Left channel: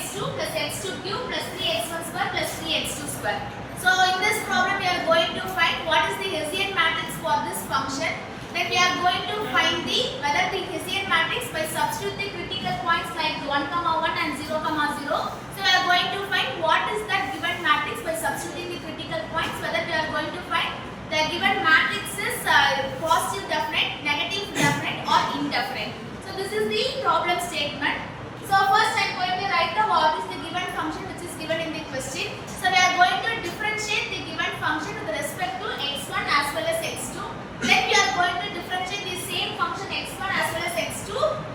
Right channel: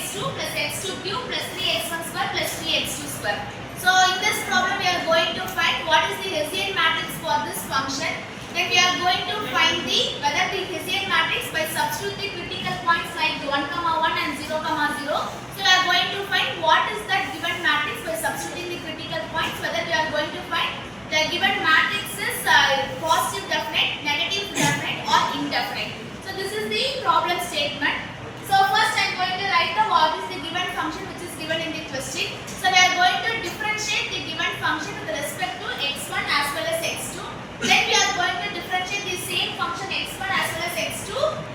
x2 plus x2 cube plus 3x1 square plus 3x2 square. So in this problem we are going to find what is the Hessian matrix for this function. Then we are going to find whether the Hessian matrix by substitute the critical points like 1, 1 and 0, 0. So we are going to find what is that given matrix by substituting the critical points, whether we are going to find the given matrix is positive definite, negative definite or indefinite. So this is the problem statement. So first I am going to write the what is the given function which is given in the question. So we are going to differentiate the given function with respect to x1 as well as x2. Then we are going to differentiate the same function x1 as well as x2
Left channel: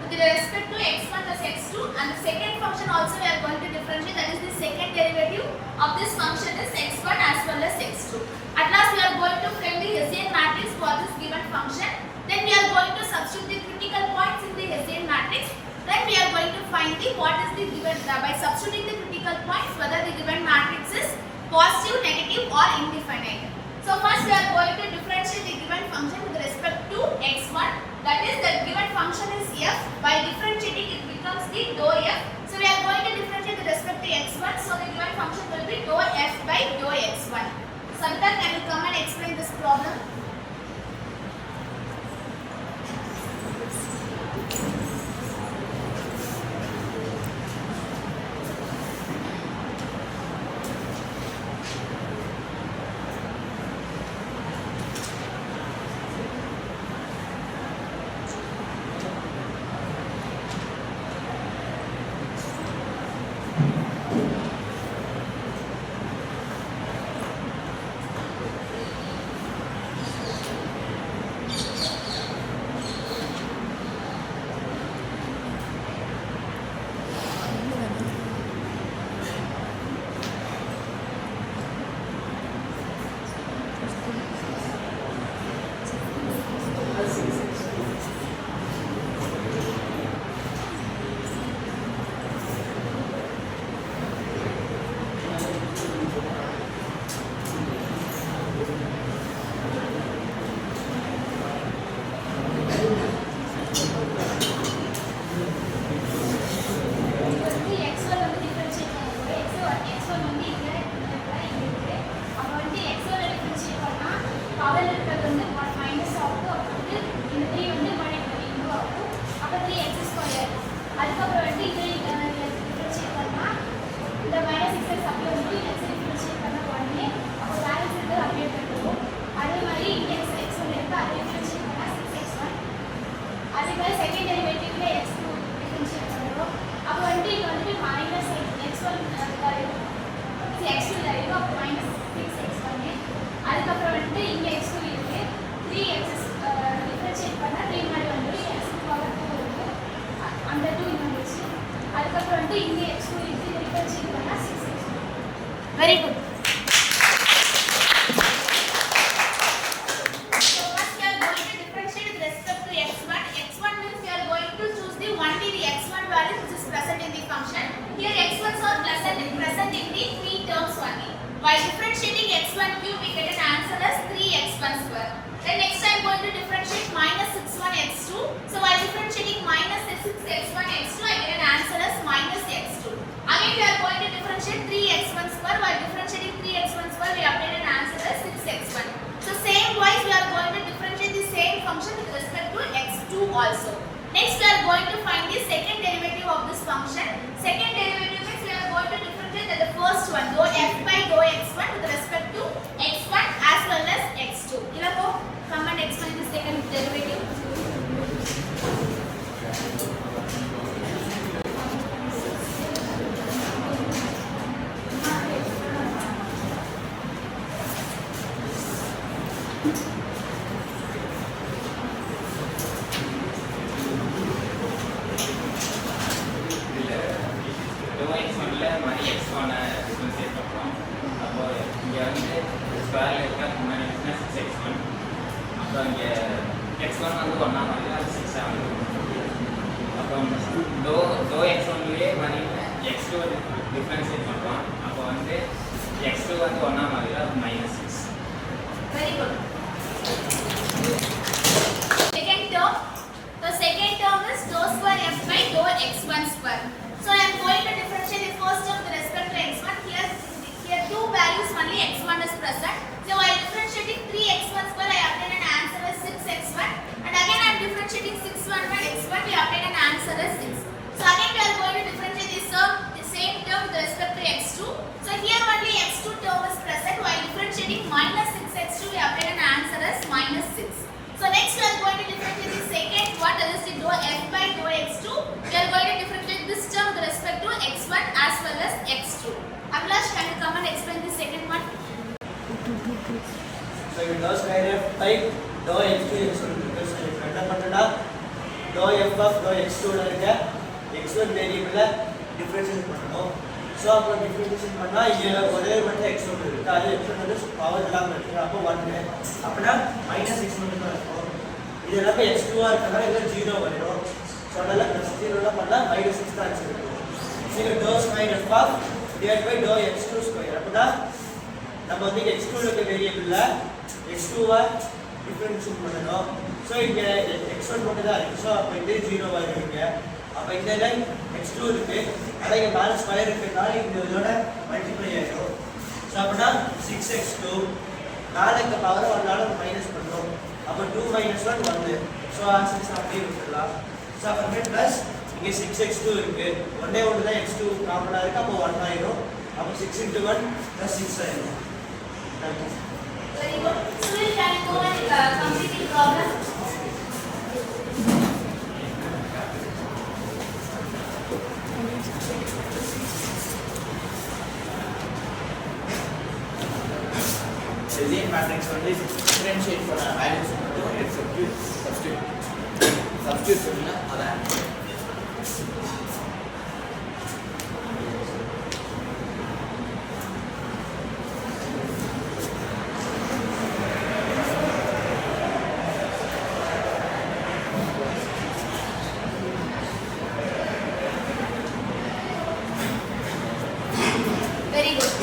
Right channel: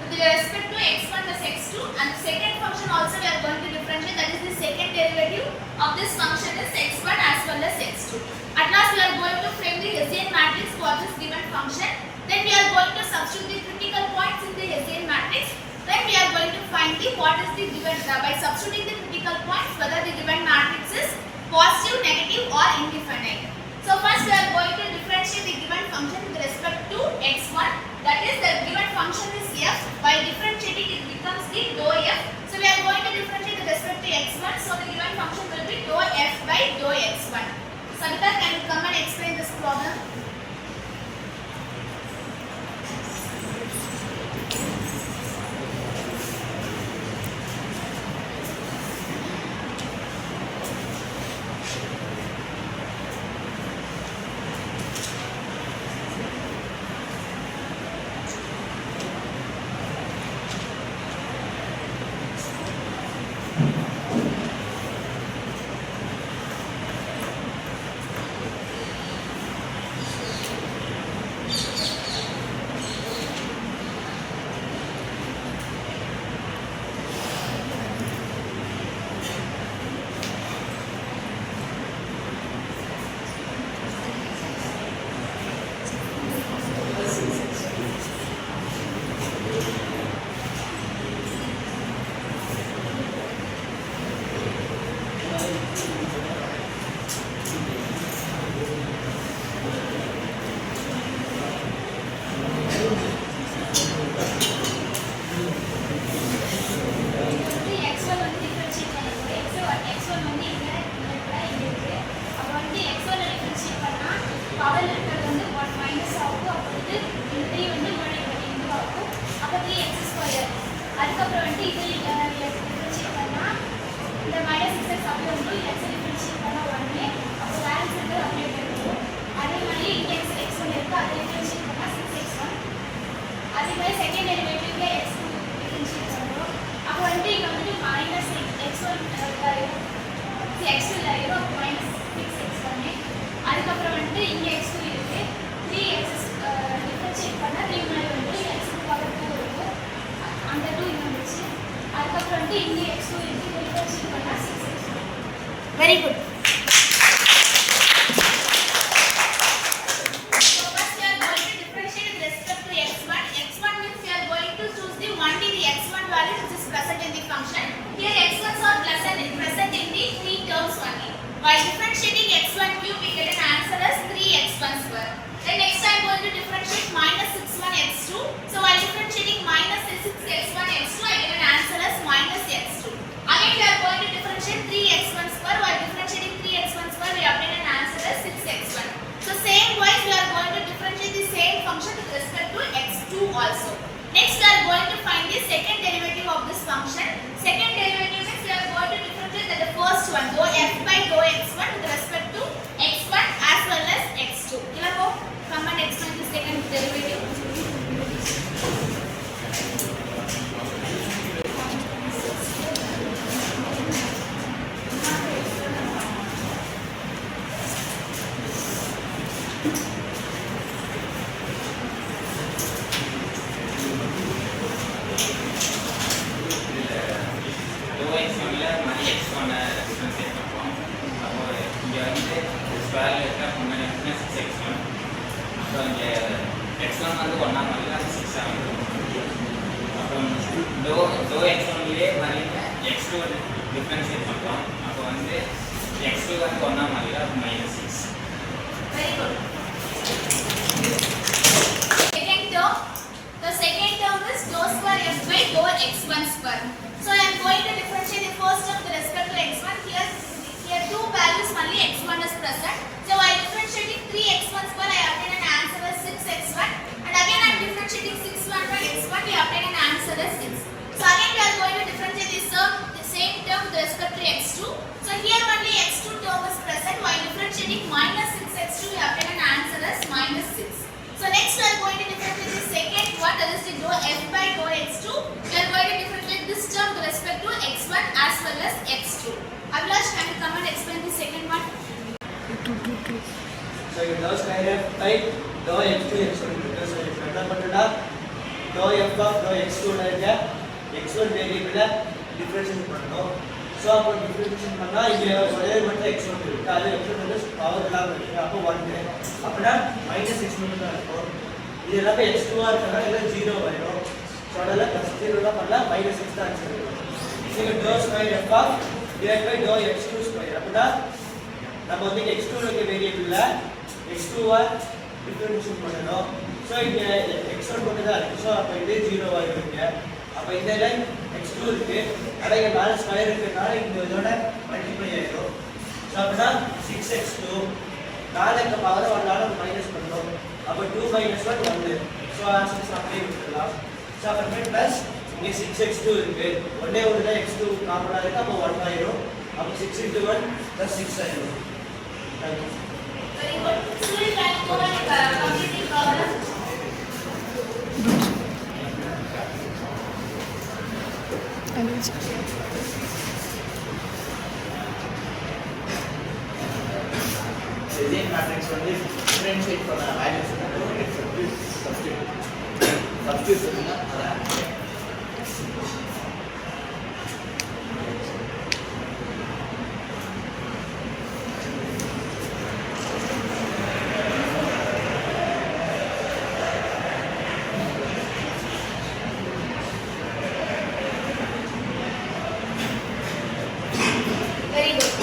with respect to x1 plus x2, and the second function also we are going to differentiate, that is the second derivative of this function is x1 as well as x2. At last we are going to frame the Hessian matrix for this given function. Then we are going to substitute the critical points in the Hessian matrix. Then we are going to find what is the given by substituting the critical points, whether the given matrix is positive, negative or indefinite. So first we are going to differentiate the given function with respect to x1. That is, the given function is f. By differentiating it becomes the dou f. So we are going to differentiate with respect to x1. So the given function will be dou f by dou x1. Savita, can you come and explain this problem? second derivative x2 differentiate பண்ணுறோம். அப்போ வந்து இங்க வந்து minus x1 x2 இருக்கு, அப்போ minus 6x1. அதுக்கப்புறம் வந்து இங்க x2 இருக்கு, 3x differentiate பண்ணா 3 முன்னாடி வந்து x2 power 2 இருக்கும், அந்த 2 இங்க வந்துச்சு. அதுக்கப்புறம் வந்து இங்க x2 இருக்கு, differentiate பண்ணா 6x1. Very good. By differentiating x1 cube, we get an answer as 3x1 square. Then next I am going to differentiate minus 61x2. So by differentiating minus 6x1 x2, I get an answer as minus x2. Again we are going to differentiate 3x1 square. By differentiating 3x1 square, we obtain an answer as 6x1. So same wise we are going to differentiate the same function with respect to x2 also. Next we are going to find the second derivative of this function. Second derivative means we are going to differentiate the first one, dou f by dou x1 with respect to x1 as well as x2. Ilako, come and explain the second derivative. x1 வந்து 1 மாதிரி அது 6 ஆகும். அப்புறம் dou x1 லே மாதிரி x2 வந்து differentiate பண்றோம். அப்போ வந்து x2 வந்து 1 மாதிரி அது -6. Very good. Second term, the second term is dou square f by dou x1 square. So I am going to differentiate the values only x1 is present. So while differentiating 3x1 square, I obtain an answer as 6x1. And again I am differentiating 6 1 by x1, we obtain an answer as 6. So again we are going to differentiate the same term with respect to x2. So here only x2 term is present. While differentiating minus 6x2, we obtain an answer as minus 6. So next we are going to differentiate the second one, that is the dou f by dou x2. We are going to differentiate this term with respect to x1 as well as x2. Abhilash, can you come and explain the second one? So you dou square f by dou x2 x1 because if என்ன பண்ணடா dou f of dou x2 ல இருக்க x1 வேரியபிள differentiate பண்ணனும். So அப்போ differentiate பண்ணா இங்க ஒரே மட்டும் x1 இருக்கு. அது x1 வந்து பவர் இல்லாம இருக்கு. அப்போ 1 அப்பனா -x மட்டும் தான் இருக்கும். இது எல்லாமே x2 ஆ இருக்கனா இல்ல 0 வரும். சோ அதனால +0 ல பண்ணா -6 தான் ஆன்சர் இருக்கும். இங்க dou square f of divided by dou x2 square அப்பனா நம்ம வந்து x2 ல இருக்க வேரியபிள்ல x2 ஆ டிஃபரன்ஷியேட் பண்ணனும். சோ இங்க x1 மட்டும் தான் இருக்கு. சோ அப்ப இது 0 ஆ இருக்குங்க. அப்ப இந்த லைன் x2 இருக்கு. அட இங்க மேல ஸ்கொயர் இருக்கனால இந்த இதோட மல்டிப்ளை ஆயிடும். சோ அப்பனா 6x2 மேல இருக்க பவர் 1 ஆல மைனஸ் பண்ணனும். அப்ப 2 - 1 1. சோ ஆன்சர் அப்படியே விட்டுறலாம். சோ அப்புறமே பிளஸ் இங்க 6x2 இருக்கு. ஒண்ணே ஒண்ணு தான் x2 காமனா இருக்கு. அப்ப 1 ஆயிடும். அப்ப 6 * 1 + 6 ஆயிடும். Thank you. Very good. Still can go and complete the problem. Hessian matrix வந்து differentiate பண்ண values வந்து substitute பண்ணா அதான் Very good.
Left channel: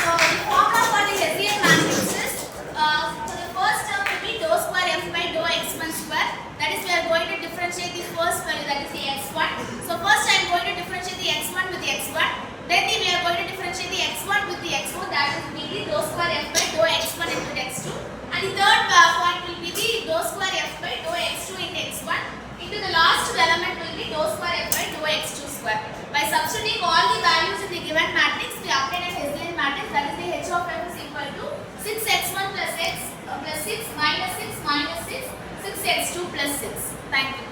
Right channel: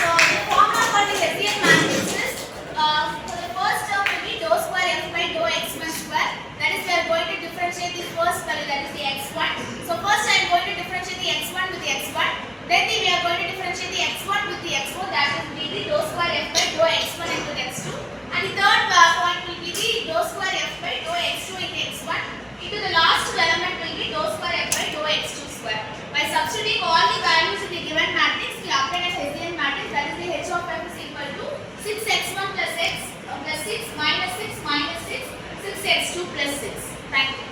So the formula for the Hessian matrix is for the first term will be dou square f by dou x1 square. That is we are going to differentiate the first value, that is the x1. So first I am going to differentiate the x1 with the x1. Then we are going to differentiate the x1 with the x4. That is will be dou square f by dou x1 into x2. And the third point will be the dou square f by dou x2 into x1. Into the last element will be dou square f by dou x2 square. By substituting all the values in the given matrix, we obtain a Hessian matrix, that is the h of f is equal to 6x1 plus 6 minus 6 minus 6, 6x2 plus 6. Thank you.